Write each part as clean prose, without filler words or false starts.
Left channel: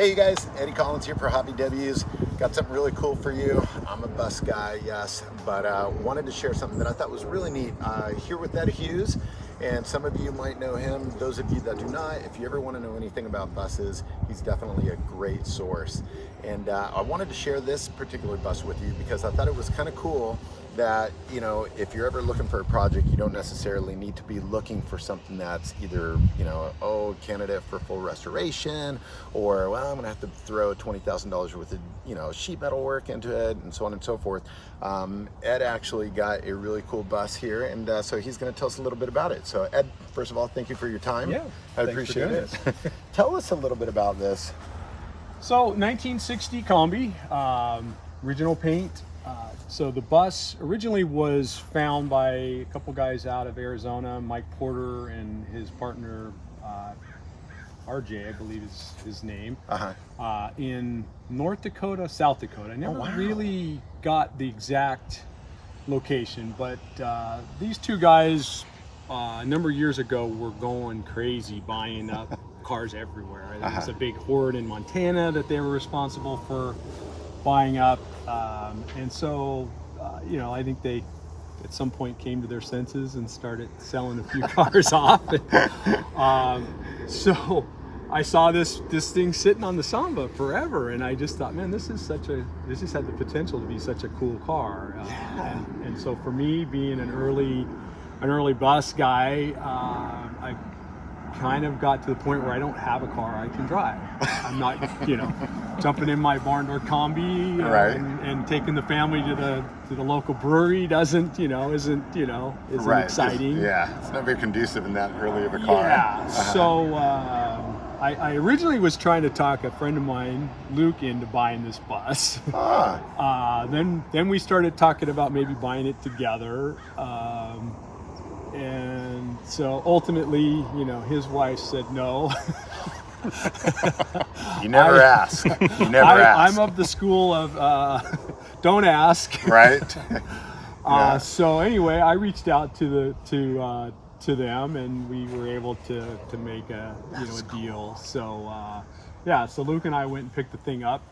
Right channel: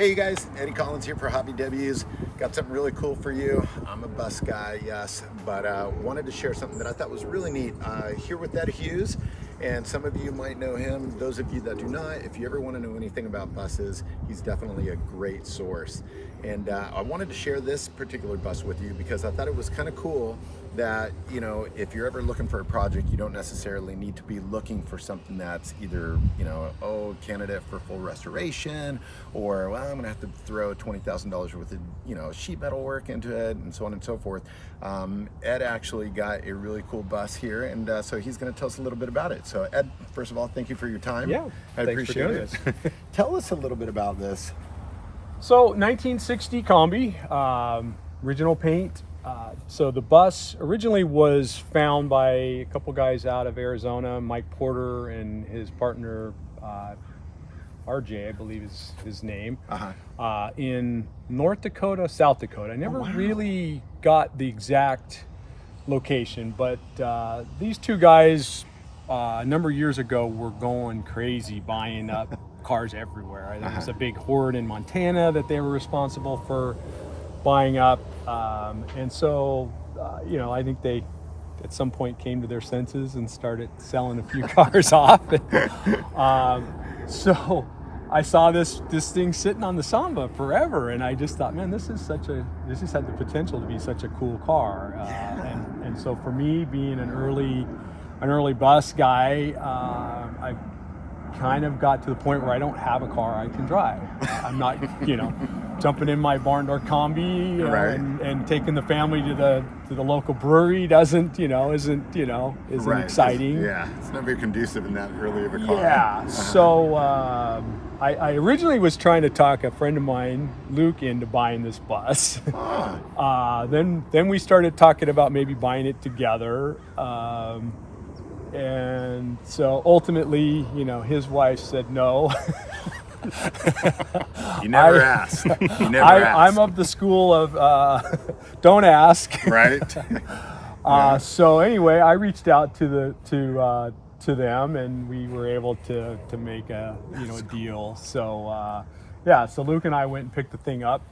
Hey you guys, Eddy Collins here for hotVWs. Got something really cool for you. I'm a bus guy, yes, but wanted to share something that I thought was really neat. Here with Eddy Hughes, and some of you might know him. Those of you that do not, if you ever want to know anything about buses, he's definitely a great source. And I wanted to share this particular bus with you because I thought it was kind of cool that, you know, if you're ever looking for a project, you don't necessarily need to be looking for something that's either, you know, oh, candidate for full restoration, or, well, I'm gonna have to throw $20,000 worth of, you know, sheet metal work into it, and so on and so forth. Ed actually got a really cool bus here, and so he's gonna tell us a little bit about it. So Ed, first of all, thank you for your time. Yeah, I appreciate it. Tell us a little bit about this. So 1960 Kombi, original paint. So the bus originally was found by a couple guys out of Arizona, Mike Porter and his partner, RJ, I believe is his name, in North Dakota, South Dakota. I never really got the exact location, but these two guys a number of years ago were going crazy buying up cars everywhere. There was a big horde in Montana that they were responsible for buying up, and so you know, I think they at some point came to their senses and started selling a few cars off. So I saw this thing sitting on the Samba forever, and I just thought, man, this just had the potential to be such a cool car. And so for me, being an early bus guy, I kind of got to the point where I don't have a car I can drive. I'm not, you know, jumping in my barn door Kombi and taking the family to the local brewery isn't exciting. It's not very conducive in that early of a car. Yeah. So I originally was trying to talk a friend of mine, Luke, into buying this bus. Then we started talking about maybe buying it together. And so ultimately, you know, his wife said no. You never ask. You never ask. I'm of the school of don't ask. Right. So anyway, I reached out to them, and we were able to make a deal. So so Luke and I went and picked the thing up.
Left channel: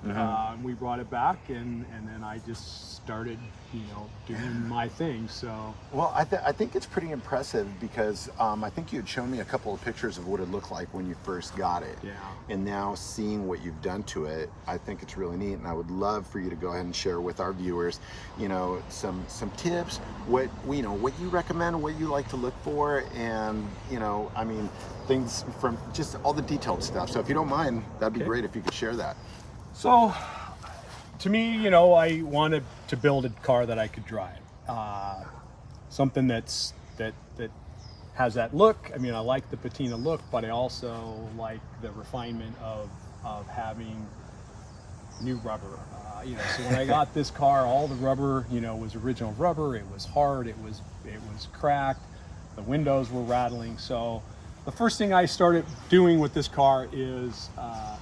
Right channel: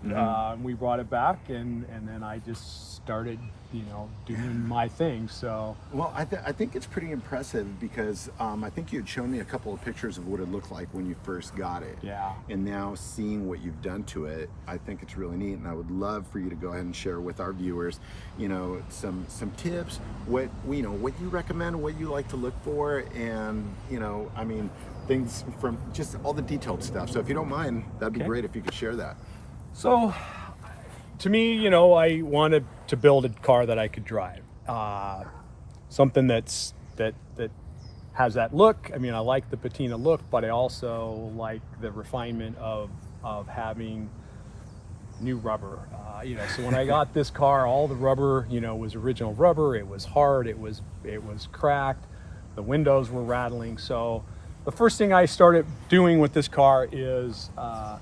We brought it back, and then I just started, you know, doing my thing. So well, I think it's pretty impressive because I think you had shown me a couple of pictures of what it looked like when you first got it. Yeah. And now seeing what you've done to it, I think it's really neat, and I would love for you to go ahead and share with our viewers, you know, some tips, what you recommend, what you like to look for, and, you know, I mean, things from just all the detailed stuff. So if you don't mind, that'd be great if you could share that. So to me, you know, I wanted to build a car that I could drive, something that has that look. I mean, I like the patina look, but I also like the refinement of having new rubber. You know, so when I got this car, all the rubber, you know, was original rubber. It was hard. It was cracked. The windows were rattling. So the first thing I started doing with this car is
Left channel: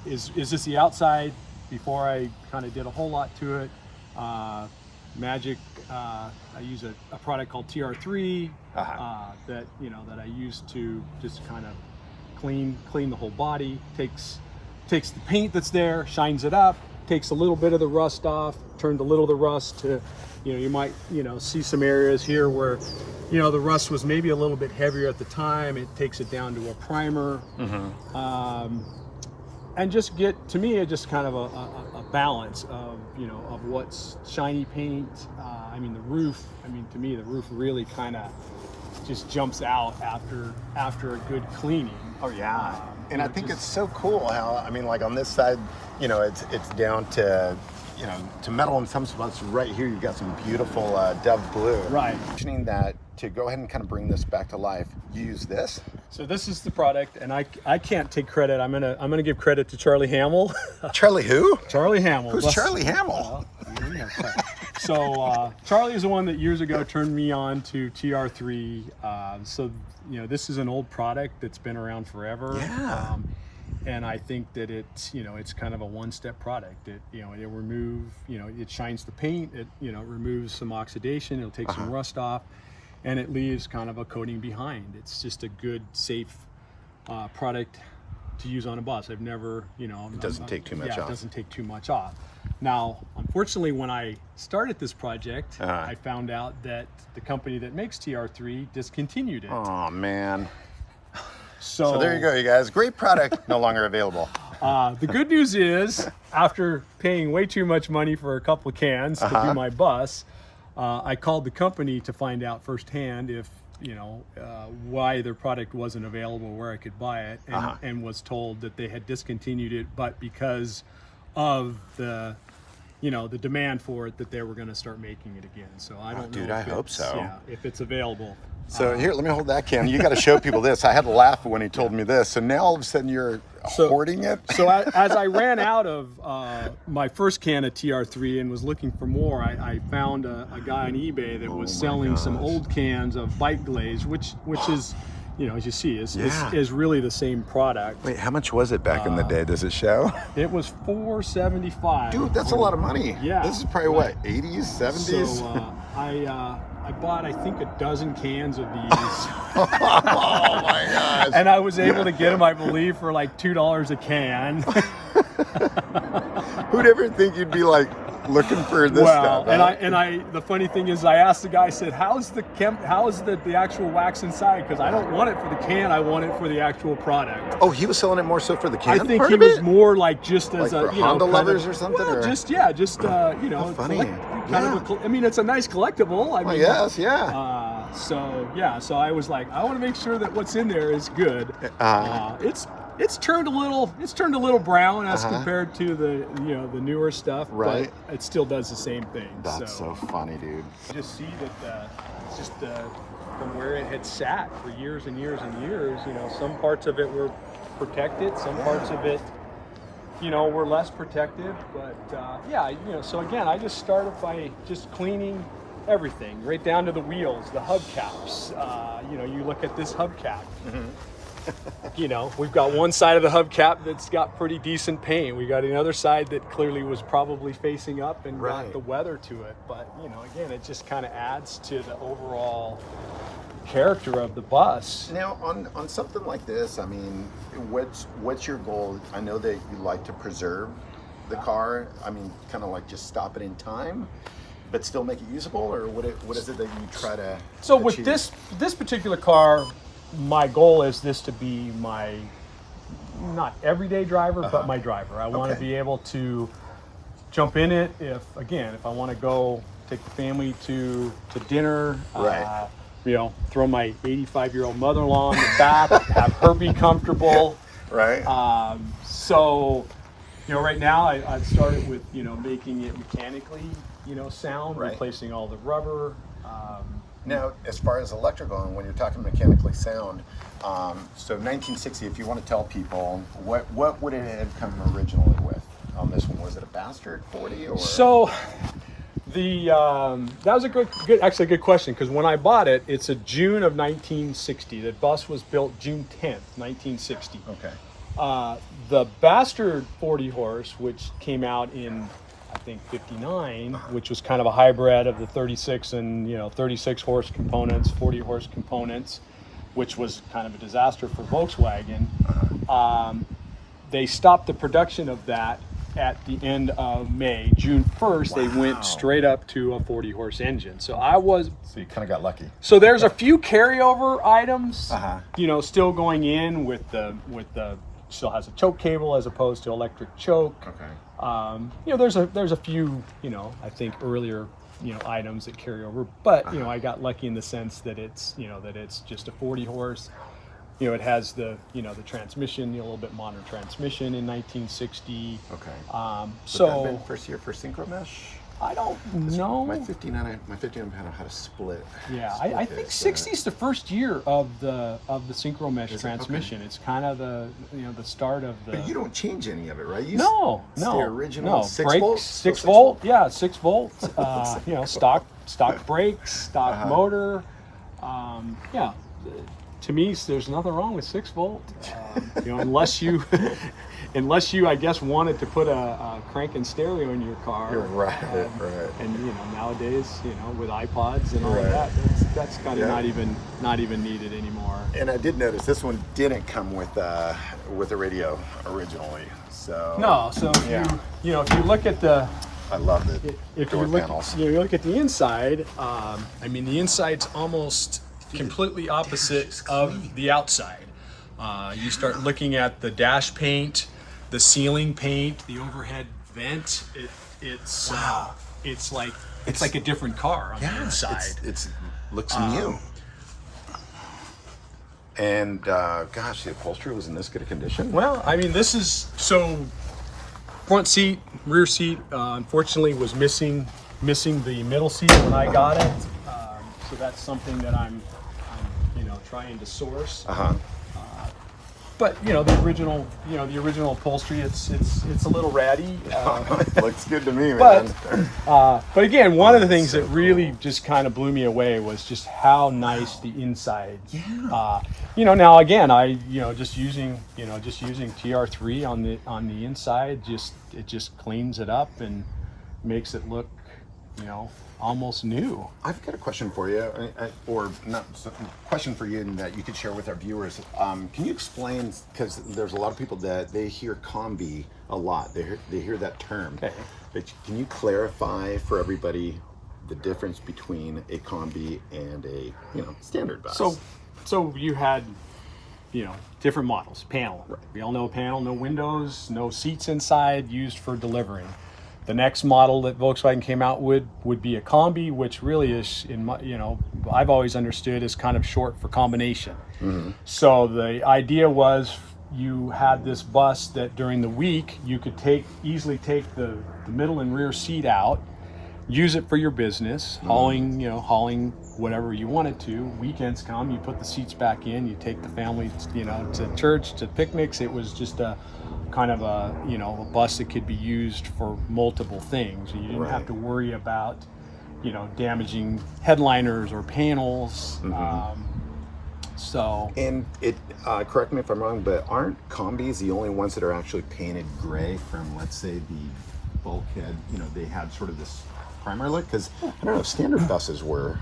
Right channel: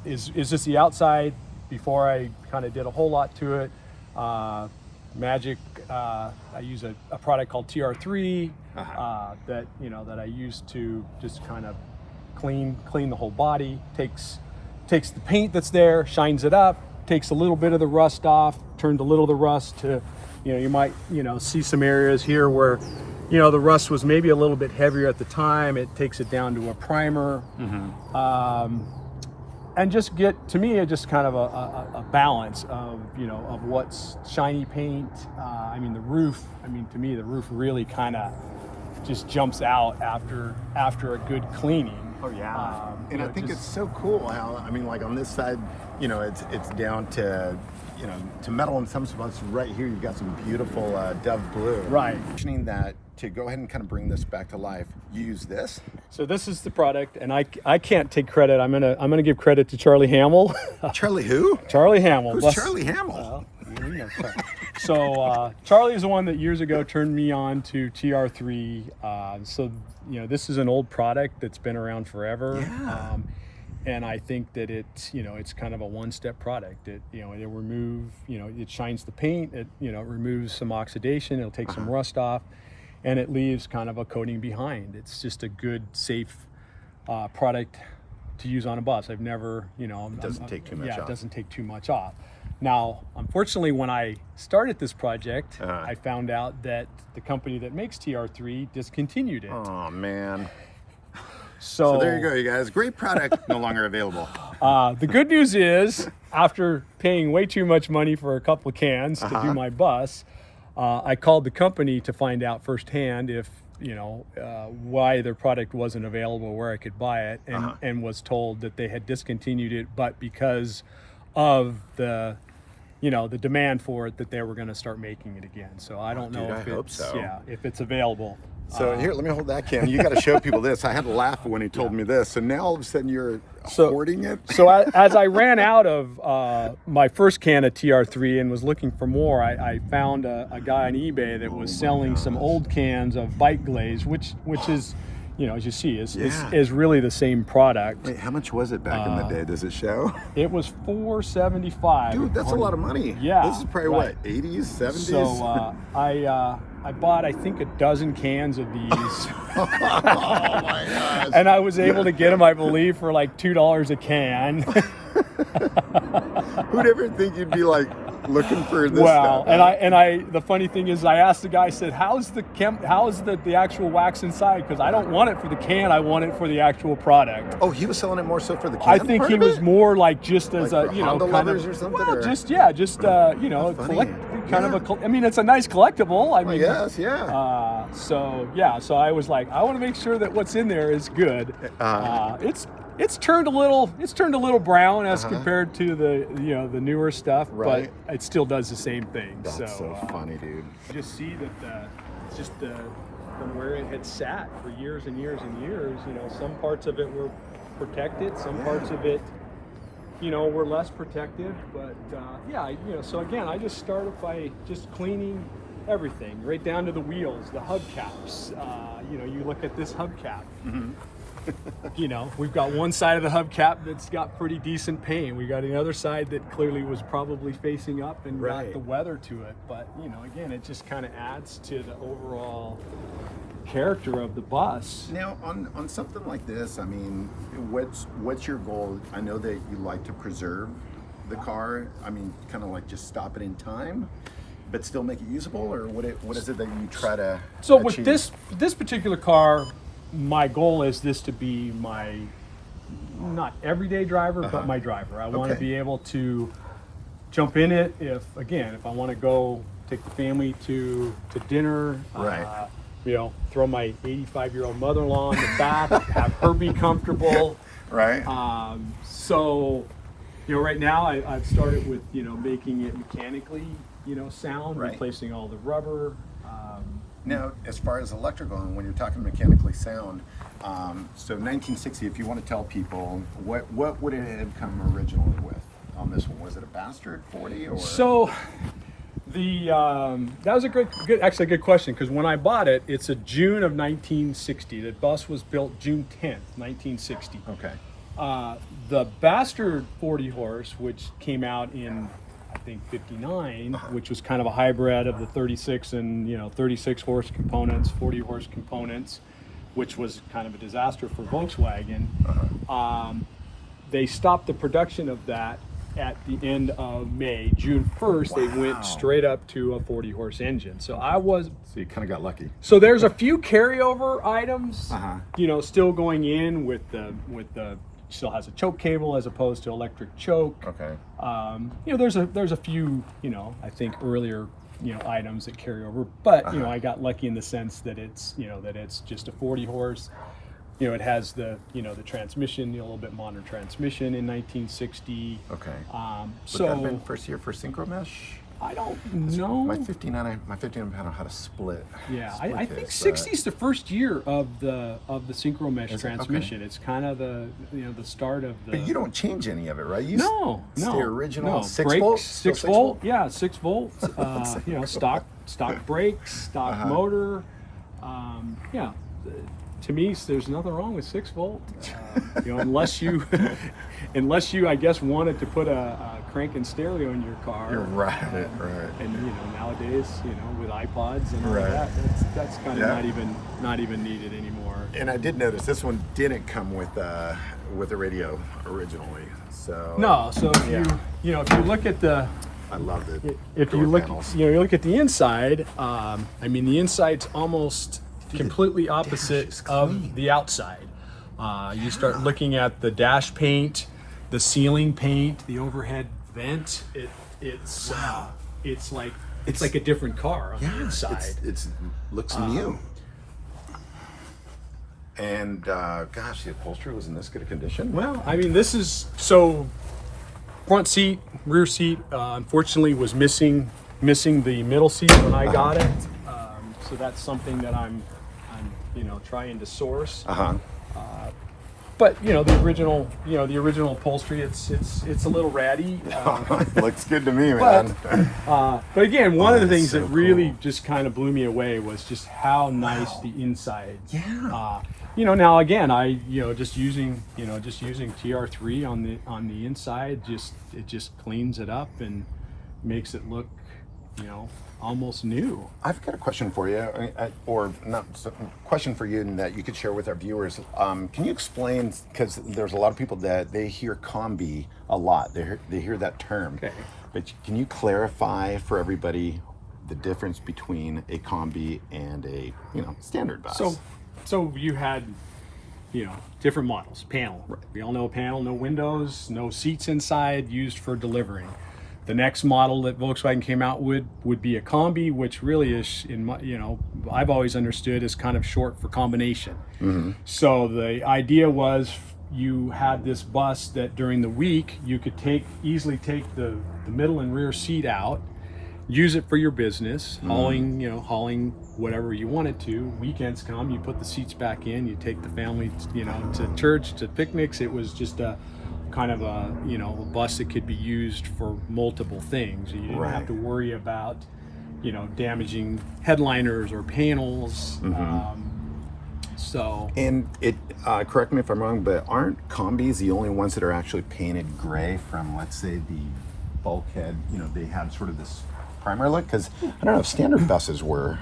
just the outside. Before I kind of did a whole lot to it, Magic. I use a product called TR3 that I use to just kind of clean the whole body. Takes the paint that's there, shines it up, takes a little bit of the rust off, turned a little of the rust to, you know, you might, you know, see some areas here where, you know, the rust was maybe a little bit heavier at the time. It takes it down to a primer. And just to me, it's just kind of a balance of, you know, of what's shiny paint. I mean, the roof, to me, the roof really kind of just jumps out after a good cleaning. Oh yeah. And I think it's so cool how, I mean, like on this side, you know, it's down to, you know, to metal in some spots. Right here, you've got some beautiful dove blue. Right. Mentioning that, to go ahead and kind of bring this back to life, you use this. So this is the product, and I can't take credit. I'm gonna give credit to Charlie Hamill. Charlie who? Charlie Hamill. Who's Charlie Hamill? Well, you know, so Charlie is the one that years ago turned me on to TR3. So, you know, this is an old product that's been around forever. Yeah. And I think that it's kind of a one-step product. It shines the paint. It, you know, removes some oxidation. It'll take some rust off, and it leaves kind of a coating behind. It's just a good, safe product to use on a bus. I've never, you know, It doesn't take too much yeah, off. it doesn't take too much off. Now, unfortunately, when I started this project, I found out that the company that makes TR3 discontinued it. Oh man. So there you go, you guys. Great product, no longer available. The good news is, after paying way too much money for a couple of cans to do my bus, I called the company to find out firsthand if, you know, why their product wasn't available, where I could buy it, and was told that they had discontinued it, but because of the, you know, the demand for it, that they were going to start making it again. So I don't know if I hope it's, so. yeah, if it's available. So here, let me hold that can. You got to show people this. I had to laugh when he told me this. So now all of a sudden you're hoarding it? So as I ran out of my first can of TR3 and was looking for more, I found a guy on eBay that was selling some old cans of bike glaze, which is, you know, as you see, is really the same product. Wait, how much was it back in the day? Does it show? It was $4.75. Dude, that's a lot of money. Yeah. This is probably what, 80s, 70s? So I bought, I think, a dozen cans of these. Oh my gosh. And I was able to get them, I believe, for like $2 a can. Who'd ever think you'd be like looking for this Wow. stuff? And I the funny thing is, I asked the guy, I said, how's the actual wax inside? Because I don't want it for the can, I want it for the actual product. Oh, he was selling it more so for the can. I think part he of was it? more like just as Like a, you know, Honda kind leathers of, or something, well, or? just you know, funny. I mean, it's a nice collectible. I mean, Yes, yeah. So I was like, I want to make sure that what's in there is good. It's turned a little brown as compared to the, you know, the newer stuff, Right. but it still does the same thing. That's so funny, dude. You just see that it's just from where it had sat for years and years and years. You know, some parts of it were protected, some parts of it, you know, were less protected. But yeah, you know, so again, I just started by just cleaning everything, right down to the wheels, the hubcaps. You know, you look at this hubcap. You know, we've got one side of the hubcap that's got pretty decent paint. We got another side that clearly was probably facing up and got the weather to it. But, you know, again, it just kind of adds to the overall character of the bus. Now, on something like this, I mean, what's your goal? I know that you like to preserve the car. I mean, kind of like just stop it in time, but still make it usable, or what is it that you try to So achieve? with this particular car, my goal is this to be my not everyday driver, but my driver. I want to be able to jump in it if I want to go take the family to dinner. Right. You know, throw my 85-year-old mother-in-law in the back, have her be comfortable. Right. So, you know, right now I've started with, you know, making it mechanically, you know, sound, replacing all the rubber. Now, as far as electrical, and when you're talking mechanically sound, so 1960, if you want to tell people, what would it have come originally with on this one? Was it a Bastard 40 or? So, that was a good question, because when I bought it, it's a June of 1960. The bus was built June 10th, 1960. Okay. The Bastard 40 horse, which came out in, I think, 59, which was kind of a hybrid of the 36 and, you know, 36 horse components, 40 horse components, which was kind of a disaster for Volkswagen. They stopped the production of that at the end of May. June 1st, they went straight up to a 40 horse engine. So So you kind of got lucky. so there's a few carryover items, you know, still going in with the still has a choke cable as opposed to electric choke. Okay. You know, there's a few, you know, I think earlier, you know, items that carry over, but you know, I got lucky in the sense that it's, you know, that it's just a 40 horse. You know, it has the, you know, the transmission, you know, a little bit modern transmission in 1960. Okay. So Would that have been first year for synchro mesh? I don't know. My 59, I don't know how to split. Yeah, split I think this, 60 is the first year of the synchro mesh Is it? Okay. transmission. It's kind of the, you know, the start of the. But you don't change any of it, right? You No. stay original. No. 6 Brakes, volts? 6 Still volt. Yeah, 6 volt. You know, stock brakes, stock motor. Yeah. To me, there's nothing wrong with 6 volt. You know, unless you, I guess, wanted to put a crank and stereo in your car. You're right, right. And you know, nowadays, you know, with iPods and all of that, that's kind of not even needed anymore. And I did notice this one didn't come with with the radio originally. So No, so if you know, if you look at the, I love it. if you look, you look at the inside. I mean, the inside's almost completely opposite of the outside. You start looking at the dash paint, the ceiling paint, the overhead vent. It's like a different car on the inside. It's looks new. And gosh, the upholstery was in this good a condition. Well, I mean, this is so. Front seat, rear seat, unfortunately was missing the middle seat when I got it. So that's something that I'm trying to source. But the original upholstery, it's a little ratty. Looks good to me, but man. but again, one of the things that really just kind of blew me away was just how nice the inside. Now again, just using TR3 on the inside, it just cleans it up and makes it look, almost new. I've got a question for you, or not a question for you that you could share with our viewers. Can you explain, because there's a lot of people that they hear Kombi a lot. They hear that term. Okay. But can you clarify for everybody the difference between a Kombi and a standard bus? So you had, different models. Panel. Right. We all know a panel, no windows, no seats inside, used for delivering. The next model that Volkswagen came out with would be a Kombi, which really is, I've always understood as kind of short for combination. Mm-hmm. So the idea was you had this bus that during the week you could easily take the middle and rear seat out, use it for your business, hauling whatever you wanted to. Weekends come, you put the seats back in, you take the family, to church, to picnics. It was just a kind of a bus that could be used for multiple things. You didn't have to worry about damaging headliners or panels. And correct me if I'm wrong, but aren't Kombis the only ones that are actually painted gray from, let's say, the bulkhead? They had sort of this primer look, because I don't know if standard buses were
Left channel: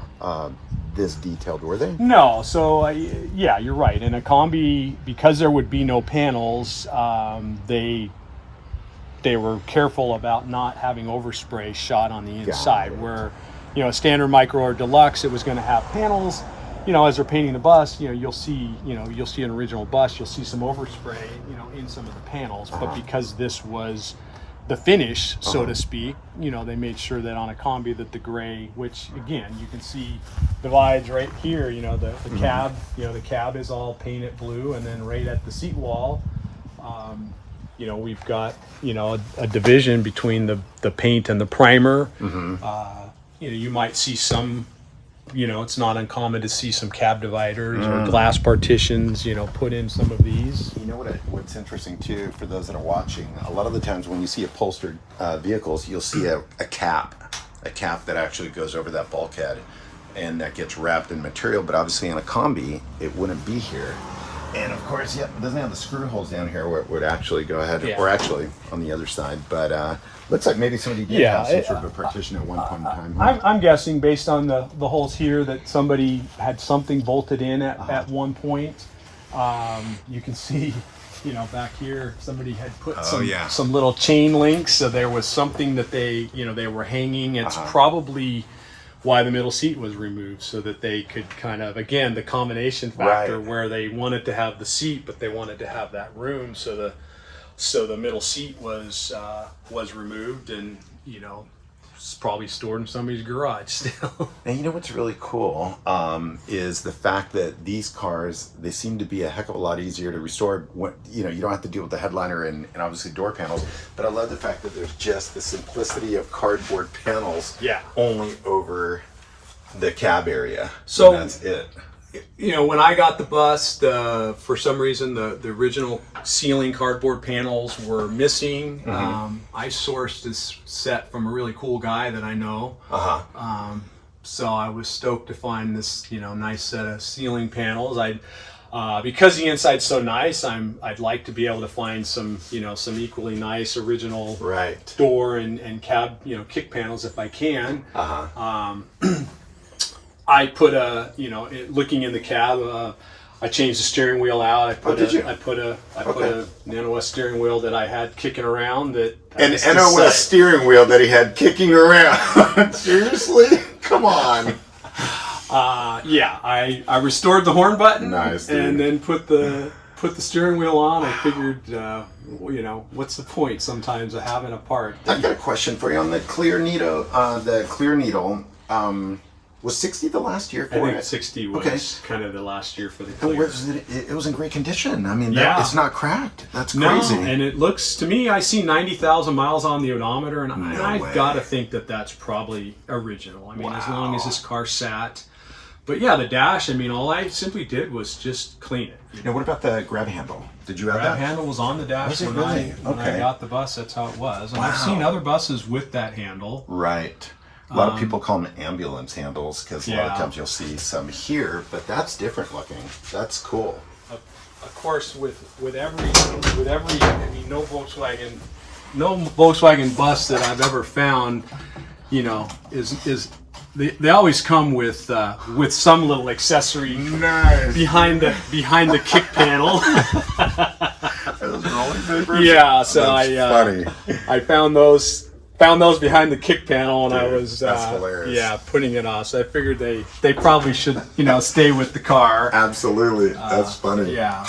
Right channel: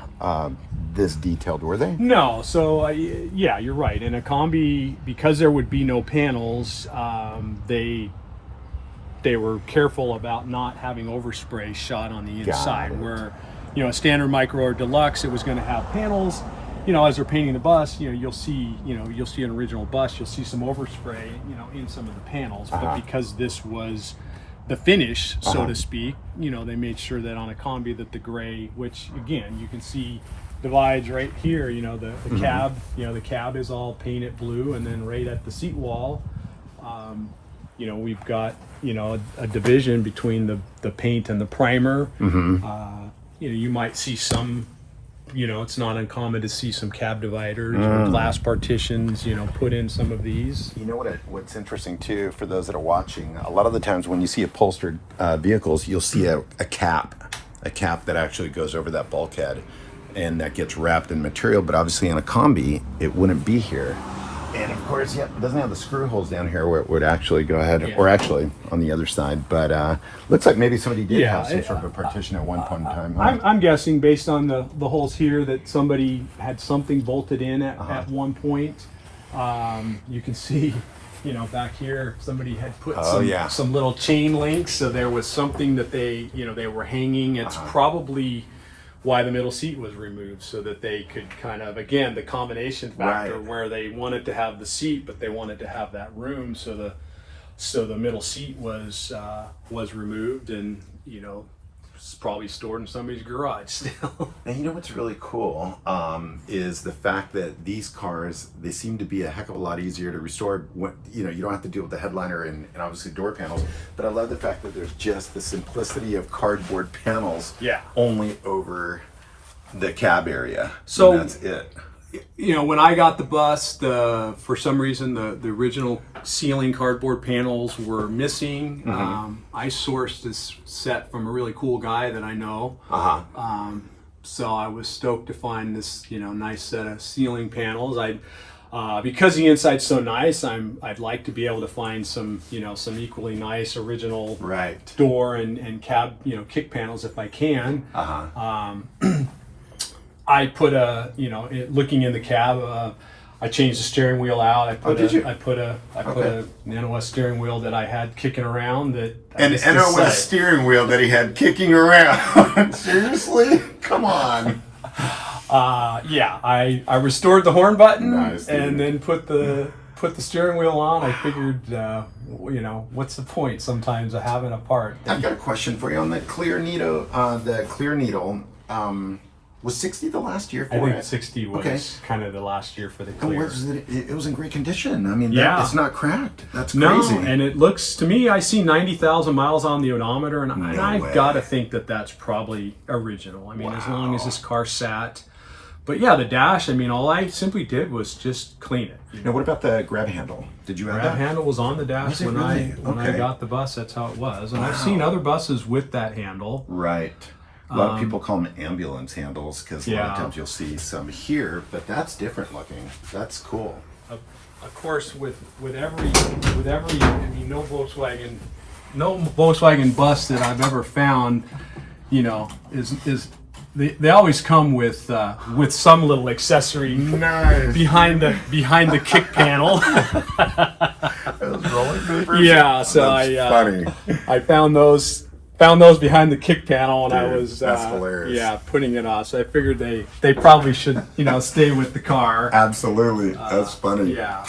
this detailed, were they? No. So yeah, you're right. In a Kombi, because there would be no panels, they were careful about not having overspray shot on the inside. Where a standard micro or deluxe, it was going to have panels. As they're painting the bus, you'll see an original bus, you'll see some overspray, in some of the panels. But because this was the finish, so to speak, they made sure that on a Kombi that the gray, which again you can see divides right here, the cab, the cab is all painted blue, and then right at the seat wall, we've got a division between the paint and the primer. You might see some, it's not uncommon to see some cab dividers or glass partitions, put in some of these. What's interesting too, for those that are watching, a lot of the times when you see upholstered vehicles, you'll see a cap that actually goes over that bulkhead, and that gets wrapped in material. But obviously in a Kombi, it wouldn't be here. And of course, it doesn't have the screw holes down here where it would actually go ahead, or actually on the other side. But looks like maybe somebody did have some sort of a partition at one point in time. I'm guessing based on the holes here that somebody had something bolted in at one point. You can see, back here, somebody had put some little chain links, so there was something that they were hanging. It's probably why the middle seat was removed, so that they could kind of, again, the combination factor where they wanted to have the seat, but they wanted to have that room, so the middle seat was removed, and it's probably stored in somebody's garage still. And what's really cool is the fact that these cars, they seem to be a heck of a lot easier to restore. You don't have to deal with the headliner and obviously door panels. But I love the fact that there's just the simplicity of cardboard panels only over the cab area. So that's it. When I got the bus, for some reason the original ceiling cardboard panels were missing. I sourced this set from a really cool guy that I know. So I was stoked to find this nice set of ceiling panels. Because the inside's so nice, I'd like to be able to find some some equally nice original door and cab kick panels if I can. I put looking in the cab, I changed the steering wheel out. I put did you? I put a NOS steering wheel that I had kicking around. An NOS steering wheel that he had kicking around. Seriously? Come on. Yeah, I restored the horn button. Nice, dude. And then put the steering wheel on. I figured, you know, what's the point sometimes of having a part? I've got a question for you on the clear needle. Was 60 the last year for I think it? 60 was kind of the last year for the And clear. it was in great condition. I mean, Yeah. it's not cracked. That's No, crazy. and it looks to me, I see 90,000 miles on the odometer, and No I've way. got to think that that's probably original. I mean, as long as Wow. this car sat. But yeah, the dash, I mean, all I simply did was just clean it. Now, what about the grab handle? Did you have Grab that? handle was on the dash Was it when really? when I Okay. got the bus. That's how it was. And I've seen other buses with that handle. Right. A lot of people call them ambulance handles because a lot of Yeah. times you'll see some here, but that's different looking. That's cool. Of course, with every I mean, no Volkswagen bus that I've ever found, you know, is they always come with some little accessory Nice. behind the kick panel. Those rolling papers? Yeah, so That's funny. I found those behind the kick panel, and Dude, I was that's hilarious. yeah, putting it off. So I figured they probably should, you know, stay with the car. Absolutely. That's funny. Yeah.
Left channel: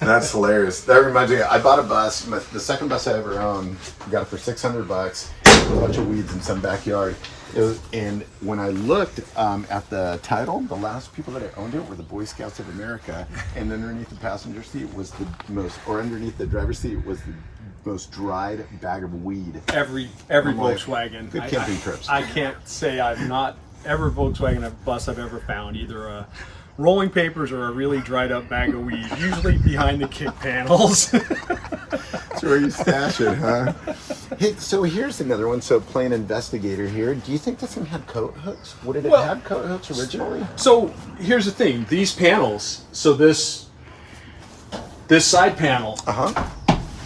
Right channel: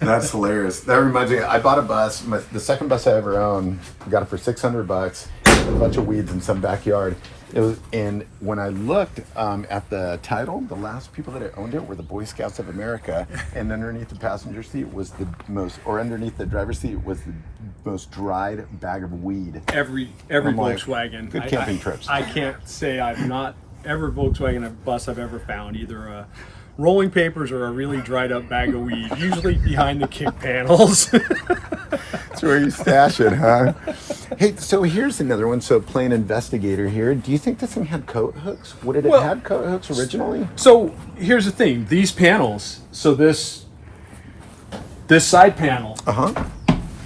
That's hilarious. That reminds me, I bought a bus, the second bus I ever owned, got it for $600, a bunch of weeds in some backyard. And when I looked at the title, the last people that owned it were the Boy Scouts of America, and underneath the passenger seat was underneath the driver's seat was the most dried bag of weed. Every I'm like, Volkswagen. good camping trips. I can't say I've not every Volkswagen bus I've ever found either a rolling papers or a really dried up bag of weed, usually behind the kick panels. That's where you stash it, huh? Hey, so here's another one. So playing investigator here. Do you think this thing had coat hooks? Would it have Well- had coat hooks originally? So here's the thing: these panels. So this side panel. Uh-huh.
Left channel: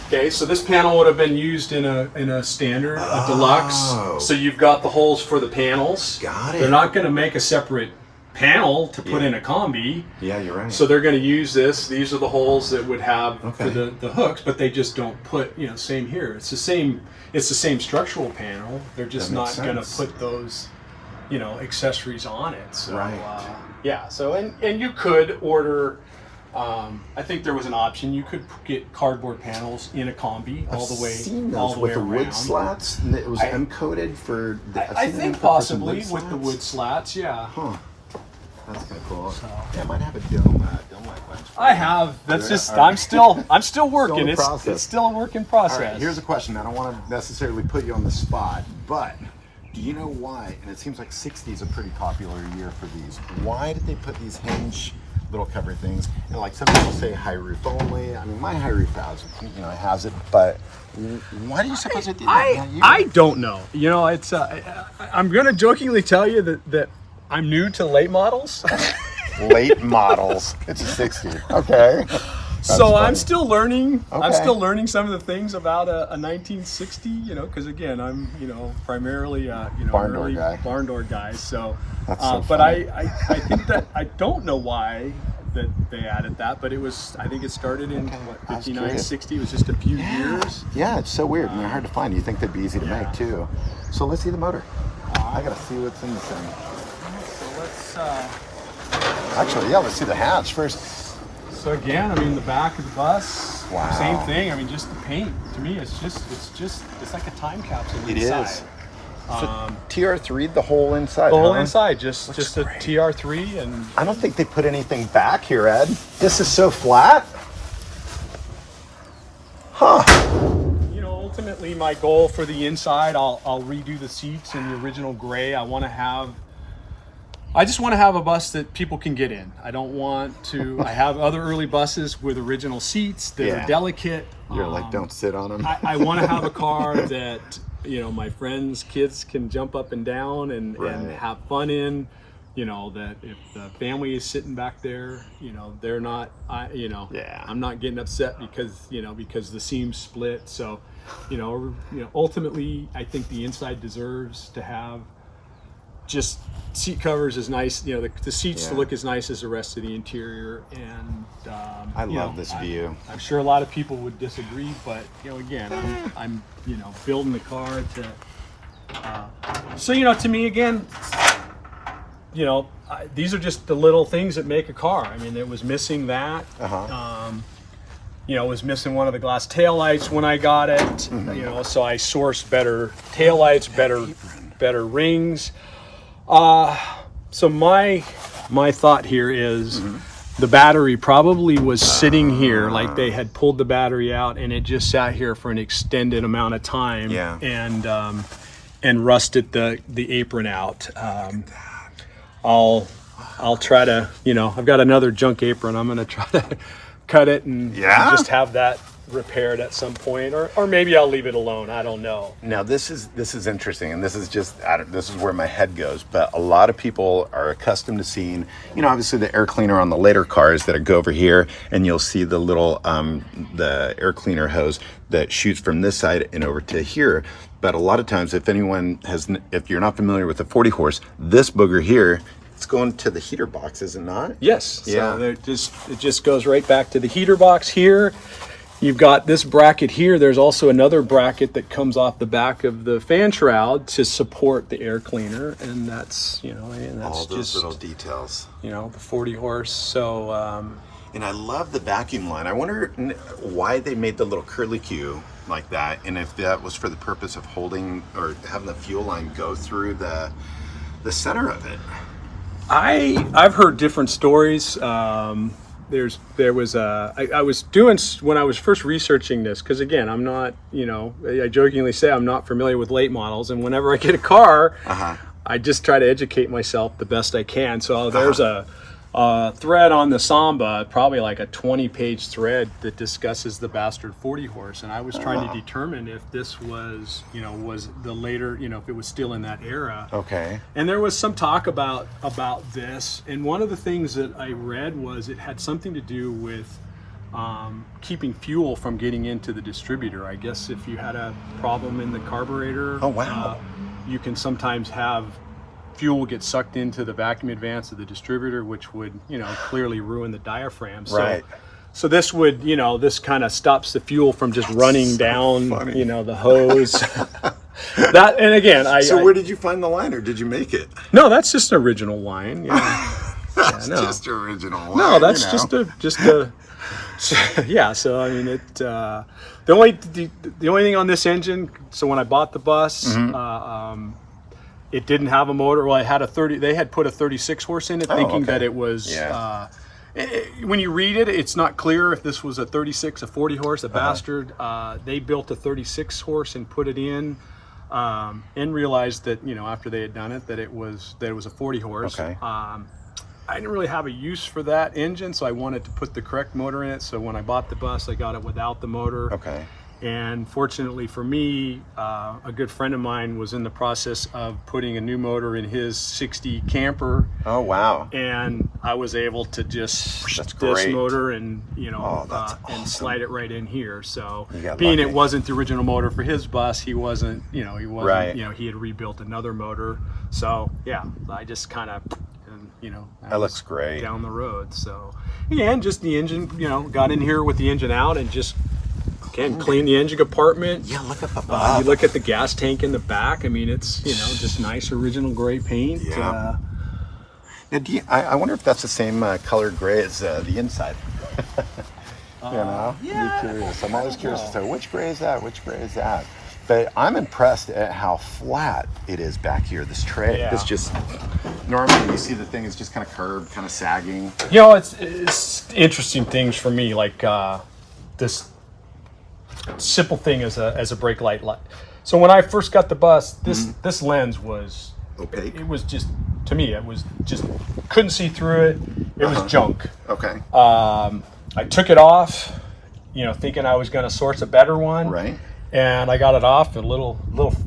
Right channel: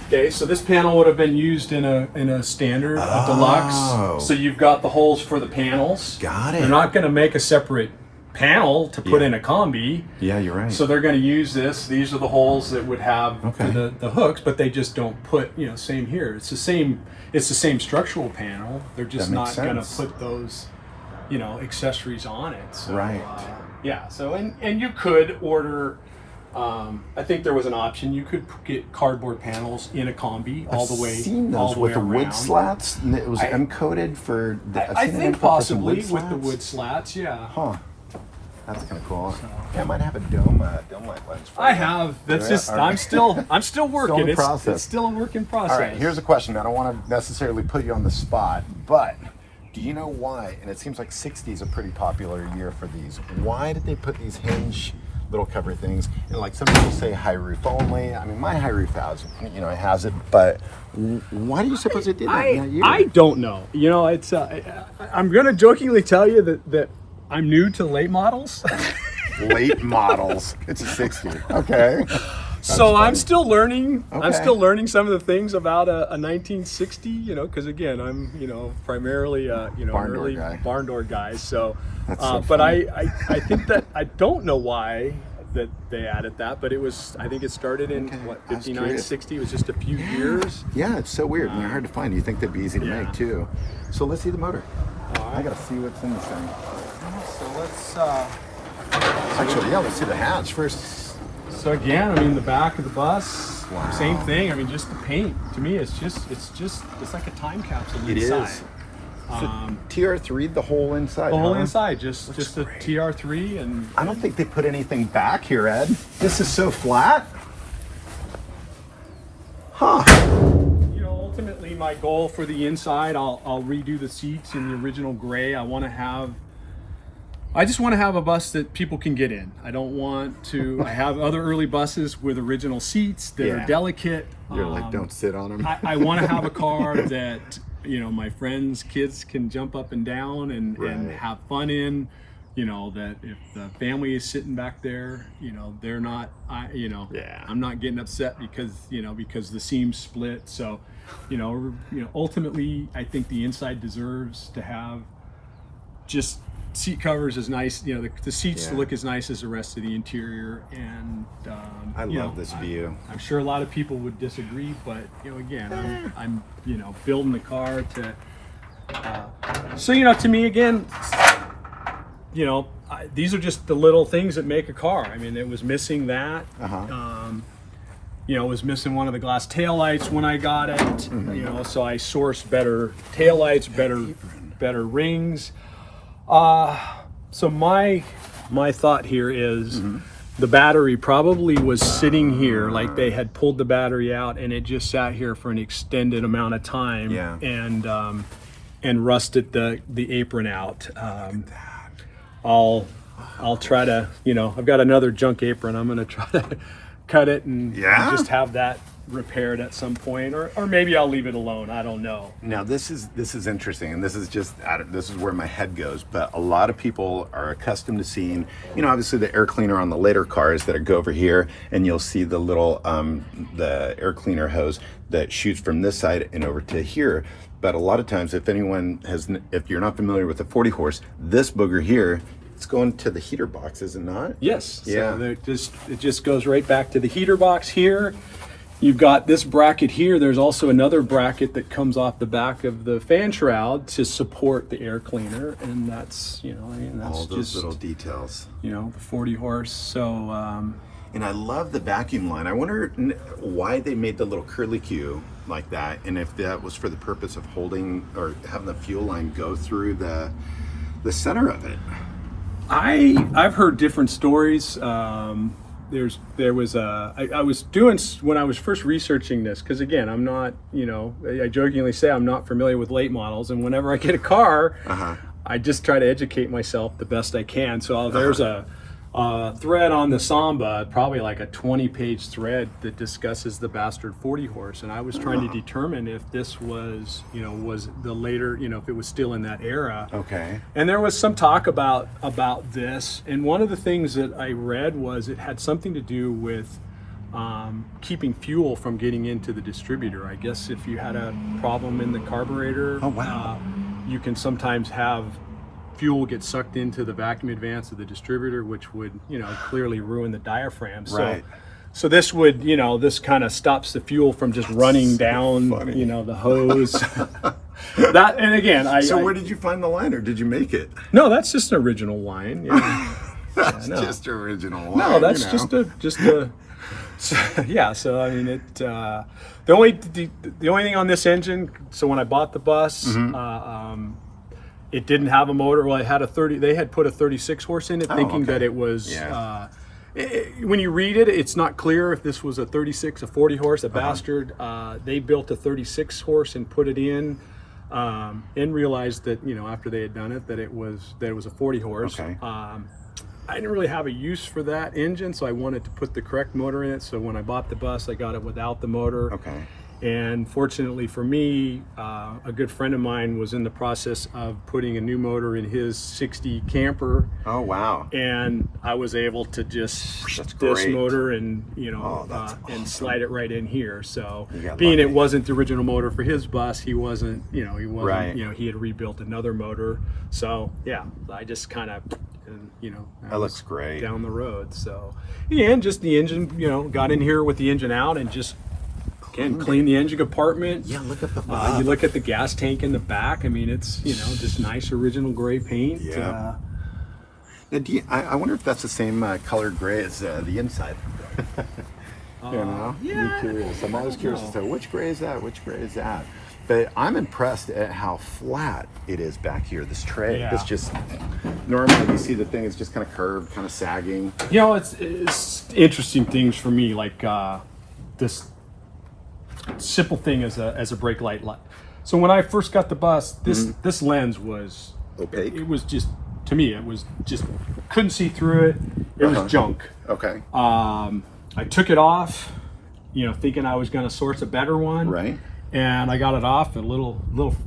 Okay, so this panel would have been used in a standard, a deluxe. Oh. So you've got the holes for the panels. Got it. They're not going to make a separate panel to put in a Kombi. Yeah, you're right. So they're going to use this. These are the holes that would have for Okay. the hooks, but they just don't put, you know, same here. It's the same structural panel. They're just That not makes going to sense. put those, you know, accessories on it. So, Right. yeah. So and you could order. I think there was an option. You could get cardboard panels in a Kombi all the way, Seen all those the way with the around. wood slats, and it was M-coated for. I think possibly with the wood slats. Yeah. Huh. That's kind of cool. Yeah, I might have a dome light lens. I have. That's Yeah, just. all right. I'm still working. Still in It's process. still a work in process. All right, here's a question. I don't want to necessarily put you on the spot, but do you know why? And it seems like 60 is a pretty popular year for these. Why did they put these hinge little cover things? And like some people say high roof only. I mean, my high roof has, you know, it has it, but why do you suppose it did that? Not you. I don't know. You know, it's. I'm gonna jokingly tell you that I'm new to late models. Late models. It's a 60. Okay. So I'm funny. still learning. I'm Okay. still learning some of the things about a 1960. You know, because again, I'm primarily Barn door early guy. barn door guy. So, That's so but funny. I think that I don't know why that they added that, but I think it started in what I was 59, curious. 60. It was just a few years. Yeah, it's so weird and they're hard to find. You think they'd be easy to Yeah. make too. So let's see the motor. I gotta see what's in this thing. So let's. Actually, yeah, let's see the hatch first. So again, I mean, the back of the bus, Wow. same thing. I mean, just the paint. To me, it's like a time capsule inside. Is. TR3, the whole inside. The whole huh? inside, just a TR3, and I don't think they put anything back here, Ed. This is so flat. Huh. you know, ultimately, my goal for the inside, I'll redo the seats in the original gray. I just want to have a bus that people can get in. I don't want to. I have other early buses with original seats that Yeah. are delicate. You're like, don't sit on them. I want to have a car that, you know, my friends' kids can jump up and down and Right. have fun in. You know, that if the family is sitting back there, you know, they're not, Yeah. I'm not getting upset because the seam's split. So, ultimately, I think the inside deserves to have just seat covers is nice. You know, the seats look as nice as the rest of the interior, and I love this view. I'm sure a lot of people would disagree, but you know, again, I'm you know, building the car to. So you know, to me, again, you know, these are just the little things that make a car. I mean, it was missing that. You know, it was missing one of the glass taillights when I got it. You know, so I sourced better taillights, better rings. So my thought here is the battery probably was sitting here, like they had pulled the battery out and it just sat here for an extended amount of time. And rusted the apron out. I'll try to, you know, I've got another junk apron. I'm gonna try to cut it and just have that repaired at some point, or maybe I'll leave it alone. I don't know. Now this is interesting, and this is where my head goes. But a lot of people are accustomed to seeing, you know, obviously the air cleaner on the later cars that go over here, and you'll see the little the air cleaner hose that shoots from this side and over to here. But a lot of times, if you're not familiar with the 40 horse, this booger here, it's going to the heater box, is it not? Yes. Yeah. So it just goes right back to the heater box here. You've got this bracket here. There's also another bracket that comes off the back of the fan shroud to support the air cleaner, and that's, you know, and that's all those just little details. You know, the 40 horse. So. And I love the vacuum line. I wonder why they made the little curlicue like that, and if that was for the purpose of holding or having the fuel line go through the center of it. I've heard different stories. There was I was doing, when I was first researching this, because again, I'm not, you know, I jokingly say I'm not familiar with late models, and whenever I get a car, I just try to educate myself the best I can. So there's a thread on the Samba, probably like a 20-page thread that discusses the bastard 40 horse, and I was trying to determine if this was, you know, was the later, you know, if it was still in that era. Okay. And there was some talk about this, and one of the things that I read was it had something to do with keeping fuel from getting into the distributor. I guess if you had a problem in the carburetor, you can sometimes have fuel get sucked into the vacuum advance of the distributor, which would, you know, clearly ruin the diaphragm. So this would, you know, this kind of stops the fuel from just running down, you know, the hose. That, and again, So where did you find the line, or did you make it? No, that's just an original line. Yeah. That's just original line. No, that's just a yeah. So I mean, the only thing on this engine. So when I bought the bus, it didn't have a motor. Well, it had a 30. They had put a 36 horse in it, thinking that it was. When you read it, it's not clear if this was a 36, a 40 horse, a bastard. They built a 36 horse and put it in, and realized that, you know, after they had done it, that it was a 40 horse. I didn't really have a use for that engine, so I wanted to put the correct motor in it. So when I bought the bus, I got it without the motor. And fortunately for me, a good friend of mine was in the process of putting a new motor in his 60 camper. Oh, wow. And I was able to just this motor and, you know, and slide it right in here. So being it wasn't the original motor for his bus, he wasn't, you know, you know, he had rebuilt another motor. So yeah, I just kind of, you know, that looks great down the road. So yeah, and just the engine, you know, got in here with the engine out and just clean the engine compartment. Yeah, look at the you look at the gas tank in the back. I mean, it's, you know, just nice original gray paint. Now, I wonder if that's the same color gray as the inside. You know, I'm curious. I'm always curious as to which gray is that, which gray is that. But I'm impressed at how flat it is back here. This tray, this just normally you see the thing is just kind of curved, kind of sagging. You know, it's interesting things for me, like this simple thing as a brake light. So when I first got the bus, this lens was opaque. It was just, to me, it was just, couldn't see through it. It was junk. Okay. I took it off, you know, thinking I was going to source a better one. Right. And I got it off a little,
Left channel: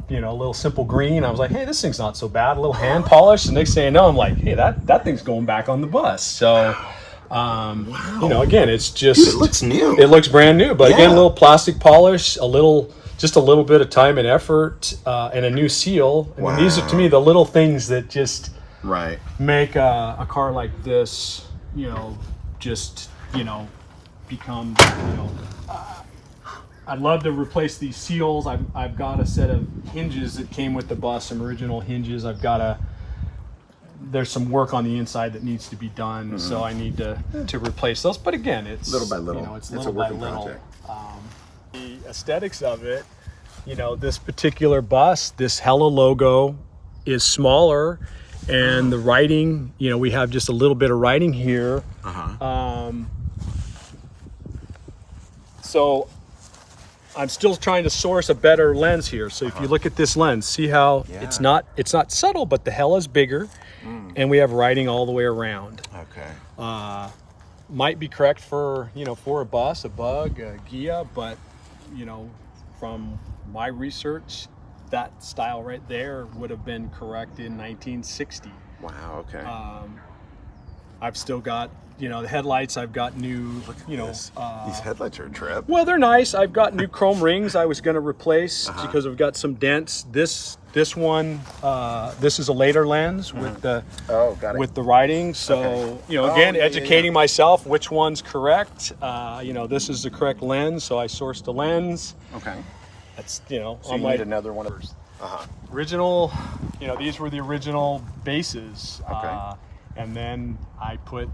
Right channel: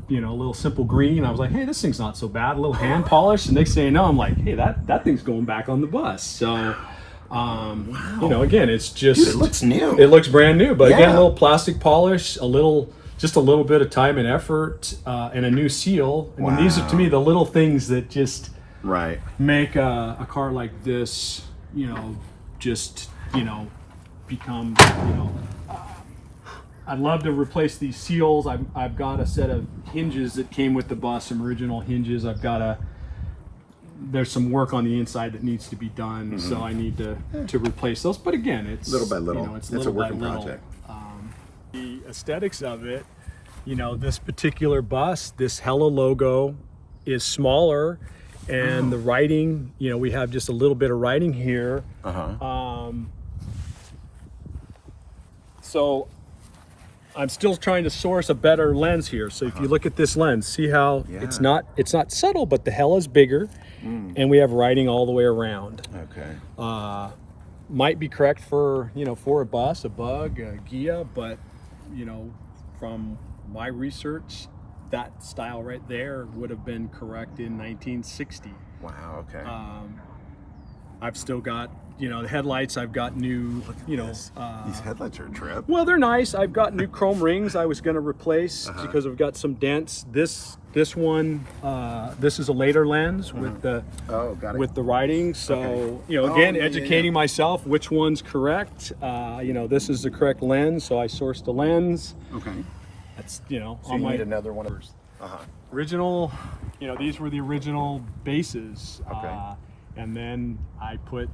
you know, a little simple green. I was like, hey, this thing's not so bad. A little hand polish. And next thing I know, I'm like, hey, that thing's going back on the bus. So, you know, again, it's just, dude, it looks new. It looks brand new. But again, a little plastic polish, just a little bit of time and effort, and a new seal. I mean, these are, to me, the little things that just Right. make a car like this, just, become, I'd love to replace these seals. I've got a set of hinges that came with the bus, some original hinges. There's some work on the inside that needs to be done, so I need to replace those. But again, it's little by little. It's a working project. The aesthetics of it, this particular bus, this Hella logo is smaller, and the writing, we have just a little bit of writing here. So I'm still trying to source a better lens here. So if you look at this lens, see how it's not subtle, but the Hella's bigger, and we have writing all the way around. Okay. Might be correct for for a bus, a bug, a Gia, but from my research, that style right there would have been correct in 1960. Wow. Okay. I've still got the headlights. I've got new these headlights are a trip. well, they're nice. I've got new chrome rings I was going to replace because I've got some dents. This one, this is a later lens with the with the writing. So again, educating myself which one's correct. This is the correct lens, so I sourced a lens. Okay. That's So you need another one of those. Original. These were the original bases. Okay. And then I put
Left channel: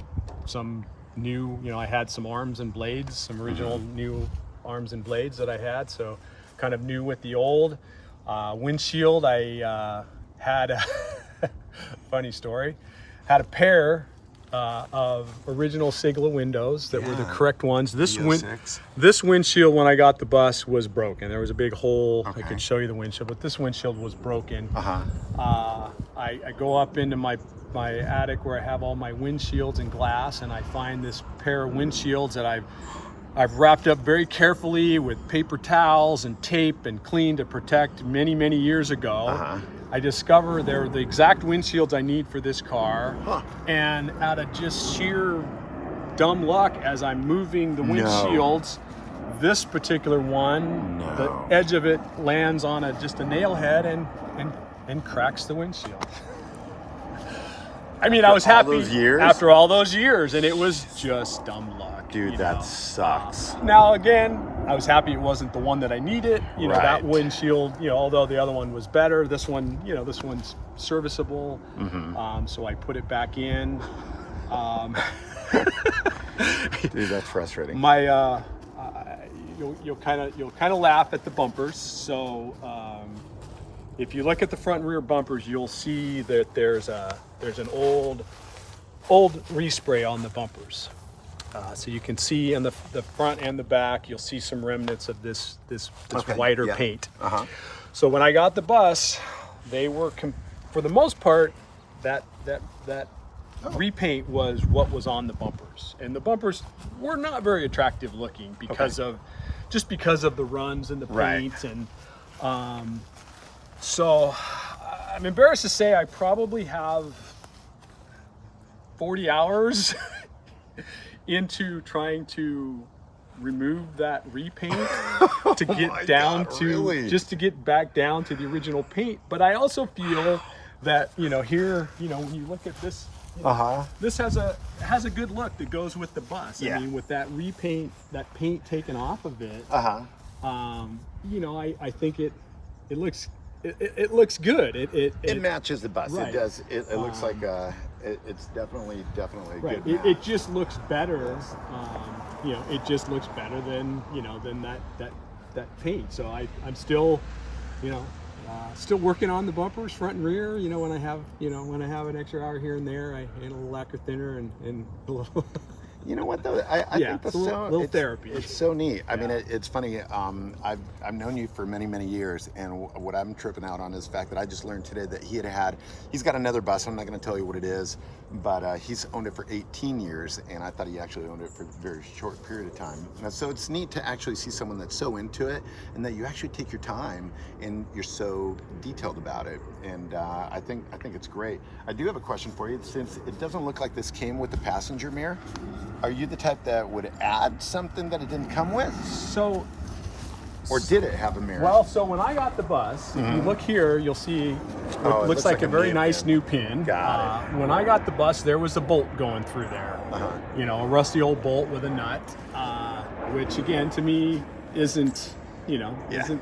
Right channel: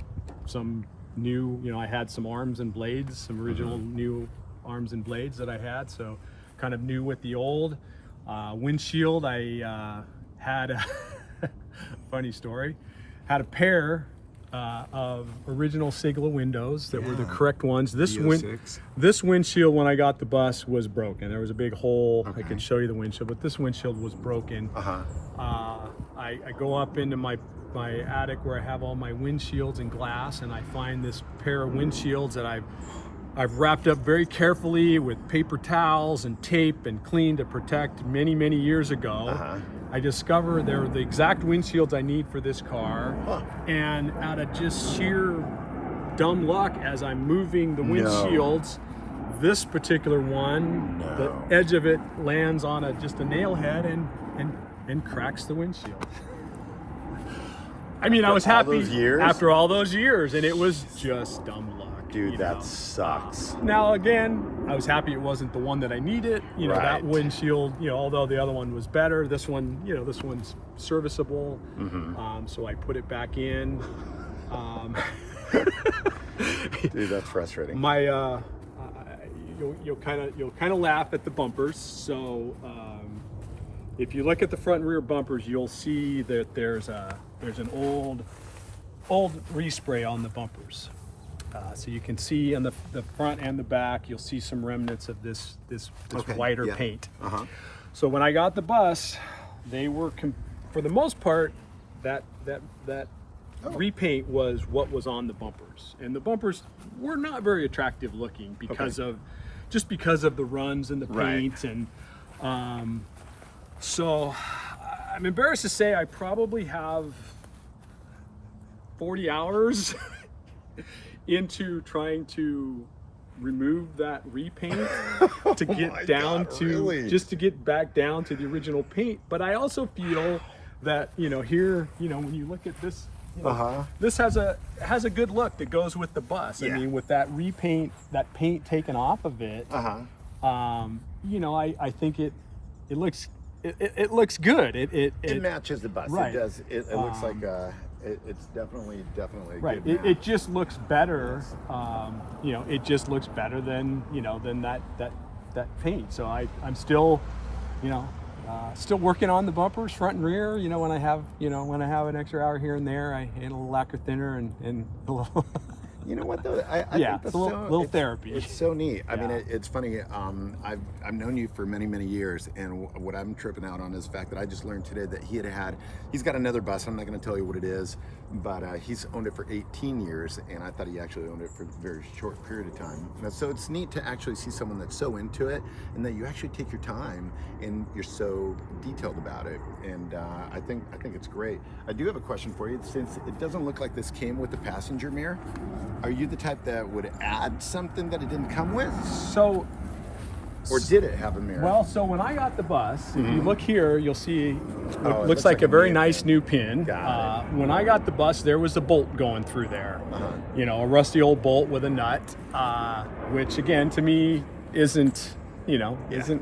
some new. I had some arms and blades, some original new arms and blades that I had. So kind of new with the old. Windshield, I had a funny story, had a pair of original Sigla windows that were the correct ones. This windshield, when I got the bus, was broken. There was a big hole. I could show you the windshield, but this windshield was broken. I go up into my attic where I have all my windshields and glass, and I find this pair of windshields that I've wrapped up very carefully with paper towels and tape and cleaned to protect many years ago. I discover they're the exact windshields I need for this car, and out of just sheer dumb luck, as I'm moving the windshields, this particular one, the edge of it lands on just a nail head and cracks the windshield. I mean, I was happy after all those years, and it was just dumb luck. Dude, that sucks. Now again, I was happy it wasn't the one that I needed. That windshield, although the other one was better, this one, this one's serviceable. So I put it back in. Dude, that's frustrating. My, you'll kind of laugh at the bumpers. So if you look at the front and rear bumpers, you'll see that there's an old respray on the bumpers. So you can see in the front and the back, you'll see some remnants of this whiter paint. So when I got the bus, they were, for the most part, that repaint was what was on the bumpers, and the bumpers were not very attractive looking because of the runs and the paint, and so I'm embarrassed to say I probably have 40 hours into trying to remove that repaint to get just to get back down to the original paint. But I also feel that here when you look at this, this has a good look that goes with the bus. I mean, with that repaint, that paint taken off of it, I think it looks good. It matches the bus. Right. It does. It looks like it's definitely right. good. It just looks better. It just looks better than that paint. So I'm still, still working on the bumpers, front and rear. When I have an extra hour here and there, I add a little lacquer thinner and a little. You know what though? I think it's a little therapy. It's so neat. I mean, it's funny. I've known you for many years, and what I'm tripping out on is the fact that I just learned today that he's got another bus. I'm not going to tell you what it is, but he's owned it for 18 years, and I thought he actually owned it for a very short period of time. So it's neat to actually see someone that's so into it, and that you actually take your time and you're so detailed about it. And I think it's great. I do have a question for you, since it doesn't look like this came with the passenger mirror. Are you the type that would add something that it didn't come with? Or did it have a mirror? Well, so when I got the bus, if you look here, you'll see what it looks like a very nice new pin. Got When I got the bus, there was a bolt going through there. You know, a rusty old bolt with a nut, which again, to me, isn't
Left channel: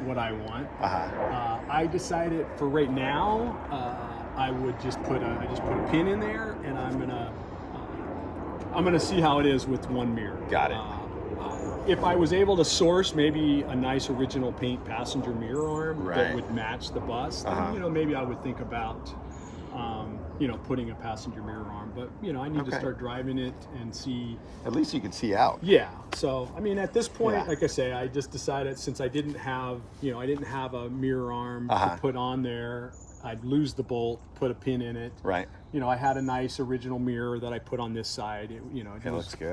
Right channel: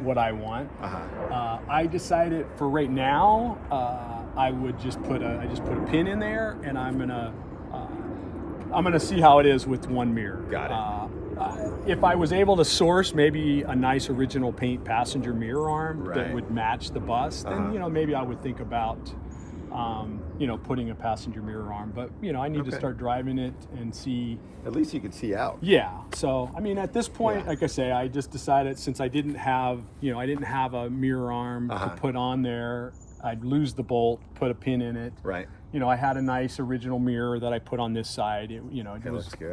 what I want. I decided for right now, I would just put a pin in there, and I'm gonna see how it is with one mirror. Got it. If I was able to source maybe a nice original paint passenger mirror arm that would match the bus, then maybe I would think about putting a passenger mirror arm. But I need to start driving it and see. At least you can see out. Yeah. So I mean, at this point, like I say, I just decided, since I didn't have a mirror arm to put on there, I'd lose the bolt, put a pin in it. Right. I had a nice original mirror that I put on this side. It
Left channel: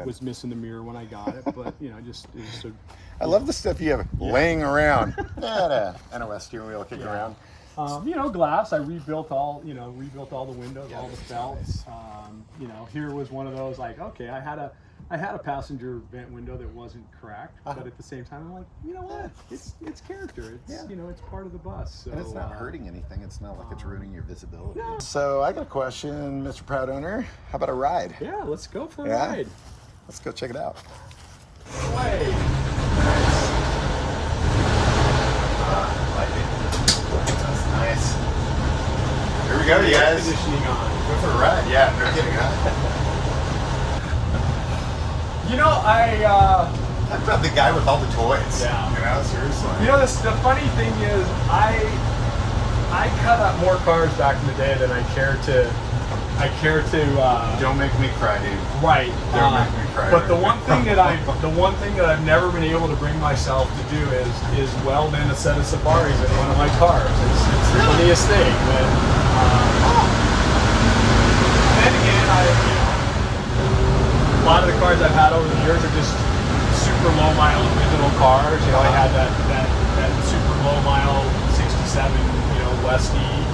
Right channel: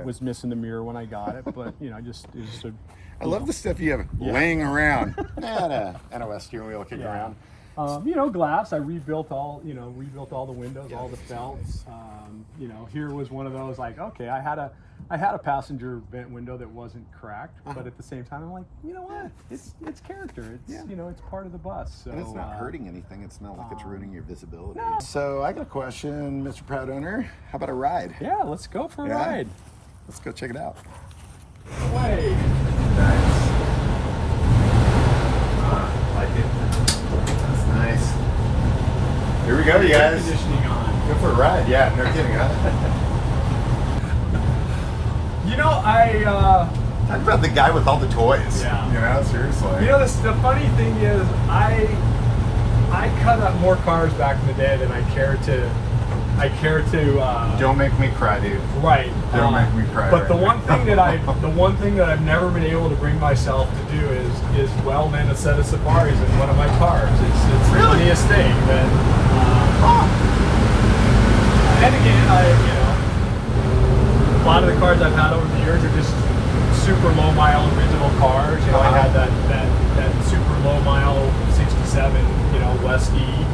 was missing the mirror when I got it, but I love the stuff you have laying around. NOS steering wheel kicking around. Glass. I rebuilt all the windows, all the felts. Here was one of those, like, okay, I had a passenger vent window that wasn't cracked, but at the same time, I'm like, you know what? It's character. It's it's part of the bus. So, and it's not hurting anything. It's not like it's ruining your visibility. No. So I got a question, Mr. Proud Owner. How about a ride? Yeah, let's go for a ride. Let's go check it out. Way. Nice. Like it. That's nice. Here we go, you guys. Air conditioning on. Go for a ride. Yeah, no kidding, huh? Talk about the guy with all the toys. Yeah. Seriously. The funny thing is, I cut up more cars back in the day than I care to. Don't make me cry, dude. Right. Don't make me cry. But the one thing that I've never been able to bring myself to do is weld in a set of Safaris in one of my cars. It's the funniest thing. But, and again, a lot of the cars I've had over the years are just super low mile digital cars. I had that super low mile 67, Westie.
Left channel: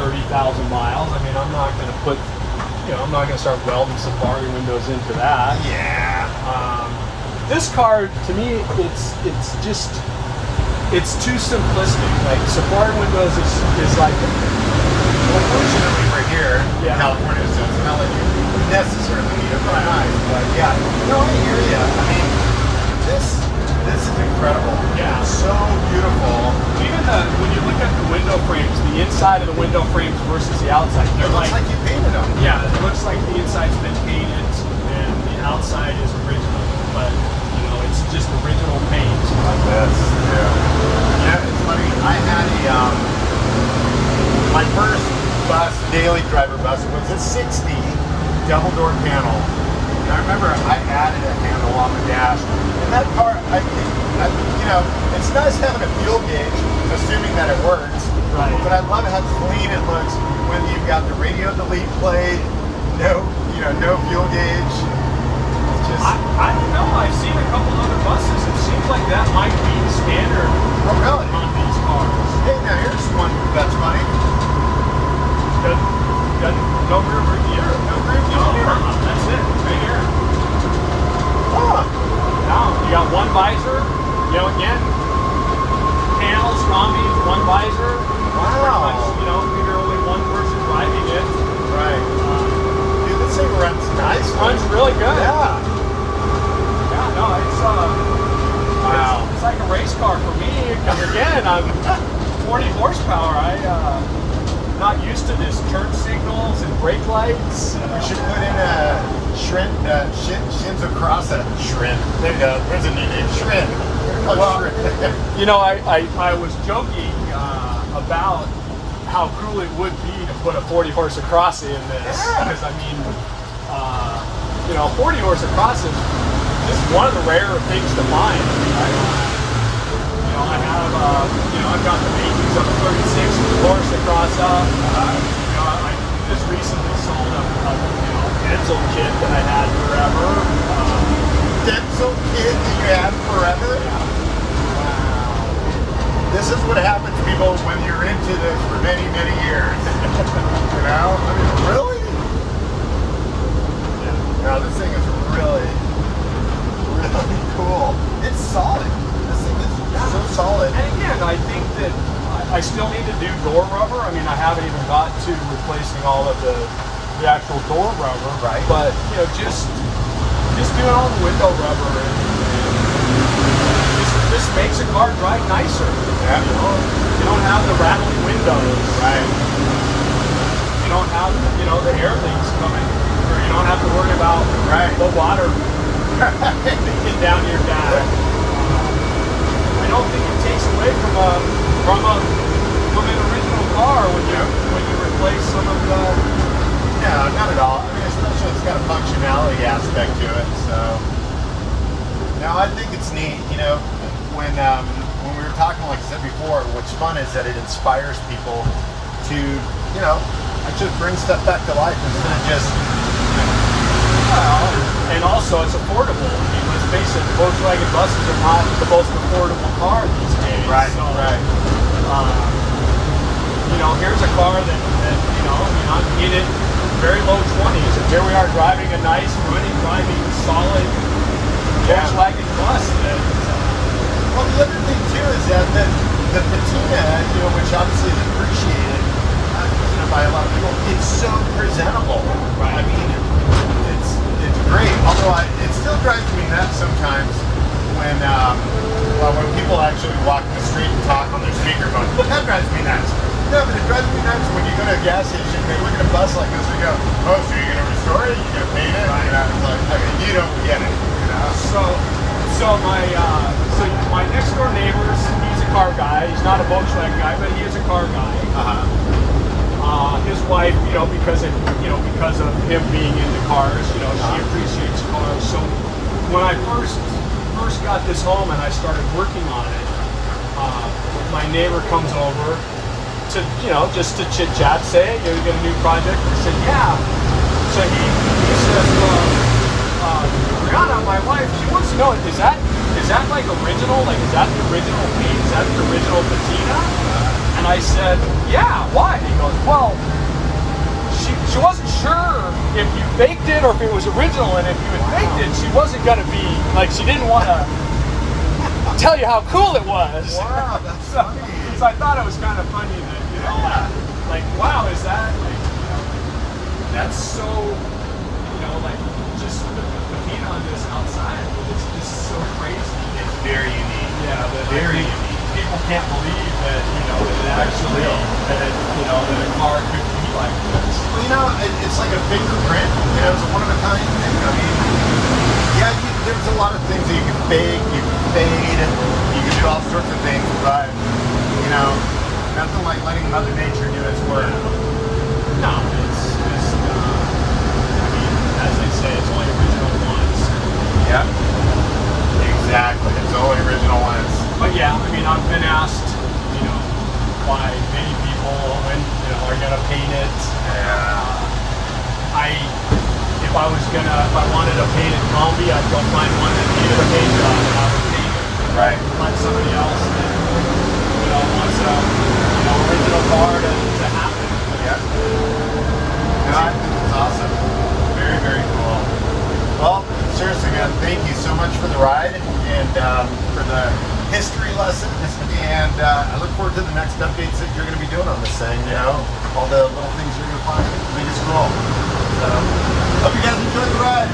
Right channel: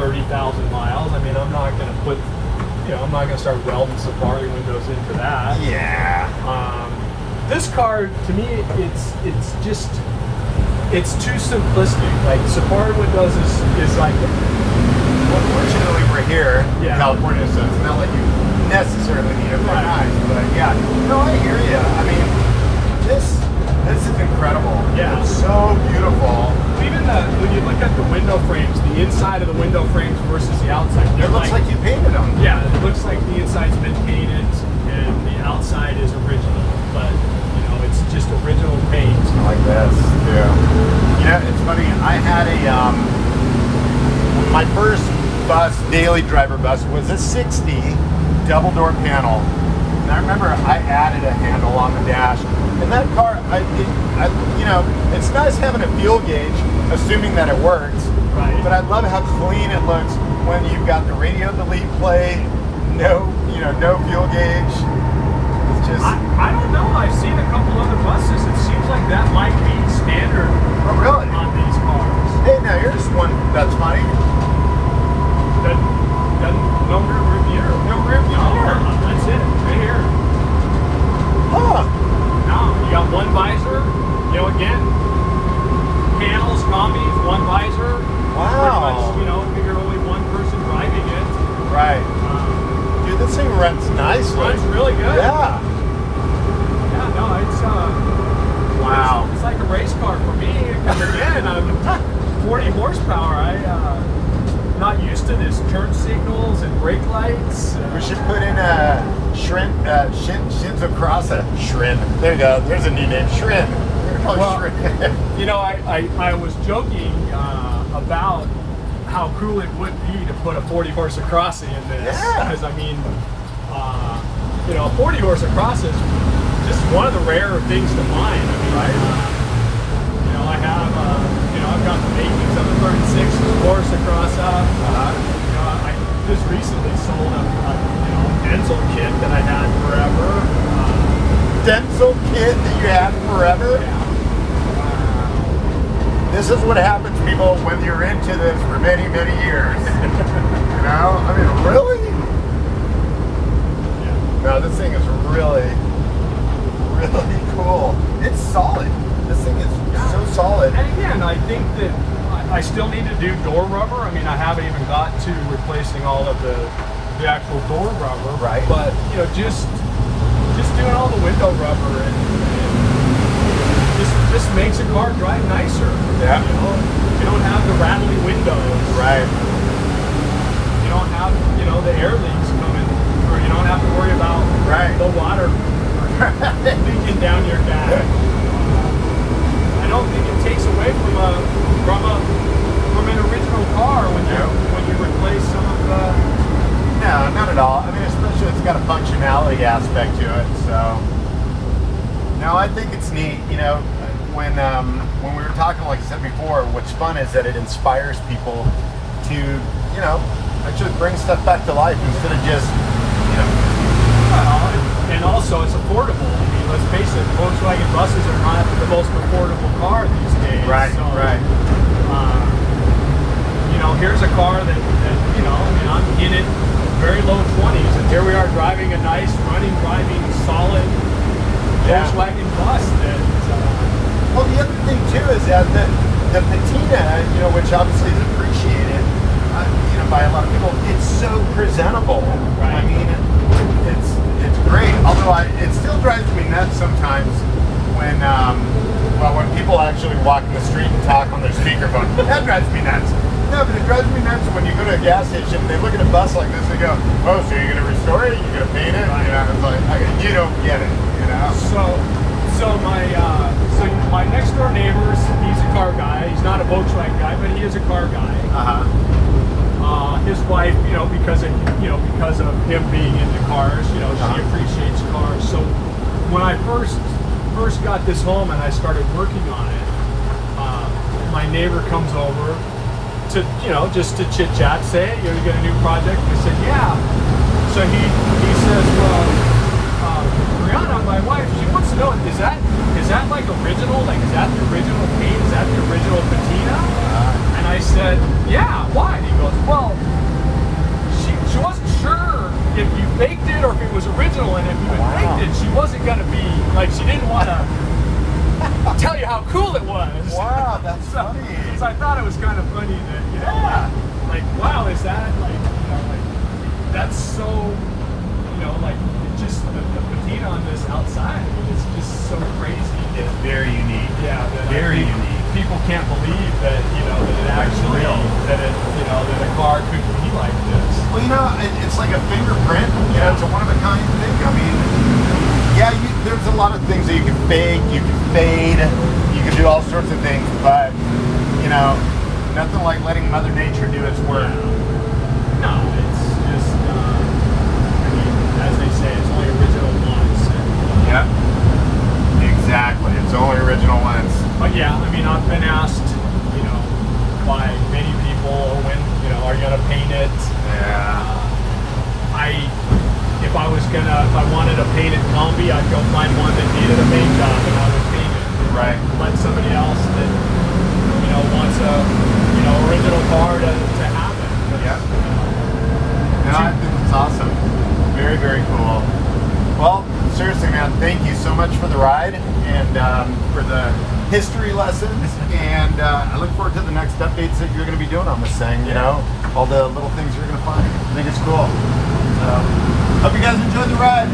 30,000 miles. I mean, I'm not going to start welding Safari windows into that. Yeah. This car, to me, it's too simplistic. Like, Safari windows is like over here in California, so it's not like you necessarily need them for nice. But yeah, no, I hear you. I mean, this is incredible. Yeah. It's so beautiful. Even when you look at the window frames, the inside of the window frames versus the outside, It looks like you painted them. Yeah, it looks like the inside's been painted and the outside is original, but it's just original paint. Like that. Yeah, it's funny. I had my first bus, daily driver bus, was a 60 double door panel. And I remember I added a panel on the dash. And that car, it's nice having a fuel gauge, assuming that it works. Right. But I love how clean it looks when you've got the radio delete plate, no fuel gauge. It's just. I don't know. I've seen a couple other buses. It seems like that might be standard. Oh, really? On these cars. Hey, now here's one that's funny. No rear view. No rear view. That's it. Right here. Now you got one visor. Again, panels, Kombi, one visor. That's pretty much, you're only one person driving it. Right. Dude, this thing runs nice. Runs really good. Yeah. Yeah, no, it's like a race car for me. Because again, I'm 40 horsepower. I'm not used to this turn signals and brake lights. We should put in Shinzo Crossa. Shrimp. There you go. There's a new name. Shrimp. I was joking about how cool it would be to put a 40 horse Across in this, because I mean, 40 horse Across is just one of the rarer things to find. I've got the makings of a 36 horse Across. I just recently sold a Denzel kit that I had forever. Denzel kit that you had forever? This is what happens, people, when you're into this for many, many years. Really? No, this thing is really, really cool. It's solid. This thing is so do door rubber. I mean, I haven't even got to replacing all of the actual door rubber. Right. But you know, just doing all the window rubber and just makes a car drive nicer. Yeah. You know, you don't have the rattling windows. Right. You don't have, you know, the air leaks coming, or you don't have to worry about the water leaking down your dash. I don't think it takes away from an original car when you replace some of the. No, not at all. I mean, especially it's got a functionality aspect to it. So, no, I think it's neat. You know, when we were talking, like I said before, what's fun is that it inspires people to, you know, actually bring stuff back to life instead of just, you know. And also, it's affordable. I mean, let's face it, Volkswagen buses are not the most affordable car these days. Right. So, Right. You know, here's a car that you know, I mean, I'm in it very low 20s, and here we are driving a nice, driving solid Volkswagen bus. Well, the other thing too is that the patina, you know, which obviously is appreciated, you know, by a lot of people, it's so presentable. Right. I mean, it's great. Although it still drives me nuts sometimes when people actually walk in the street and talk on their speakerphone. That drives me nuts. No, but it drives me nuts when you go to a gas station, they look at a bus like this, they go, "Oh, so you're gonna restore it? You're gonna paint it?" You know, it's like, I mean, you don't get it. You know. So my next door neighbor, he's a car guy. He's not a Volkswagen guy, but he is a car guy. His wife, you know, because of him being into cars, you know, she appreciates cars. So when I first got this home and I started working on it, my neighbor comes over to, you know, just to chit chat, say, "You got a new project?" I said, "Yeah." So he says, "Well, Rihanna, my wife, she wants to know, is that like original? Like, is that the original paint? Is that the original patina?" And I said, "Yeah, why?" He goes, "Well, she wasn't sure if you faked it or if it was original, and if you had faked it, she wasn't gonna be, like, she didn't want to tell you how cool it was." Wow, that's funny. So I thought it was kind of funny that, you know, like wow, is that, like, you know, like, that's so, you know, like, just the patina on this outside, it's just so crazy. It's very unique. Yeah, that Very I think unique. people can't believe that, you know, that it actually, that it, you know, that a car could be like this. Well, you know, it's like a fingerprint. Yeah, it's a one-of-a-kind thing. I mean, yeah, there's a lot of things that you can bake, you can fade, you can do all sorts of things, but, you know, nothing like letting Mother Nature do its work. No, it's just, I mean, as they say, it's only original once. Yep. Exactly. It's only original ones. But yeah, I mean, I've been asked, you know, by many people, when, you know, are you gonna paint it? Yeah. If I wanted a painted Kombi, I'd go find one that needed a paint job and I would paint it. Right. Find somebody else that, you know, wants a, you know, original car to have it. Yep. No, I think it's awesome. Very, very cool. Well, seriously, man, thank you so much for the ride and for the history lessons. And I look forward to the next updates that you're going to be doing on this thing. You know, all the little things you're going to find. I think it's cool. Hope you guys enjoy the ride.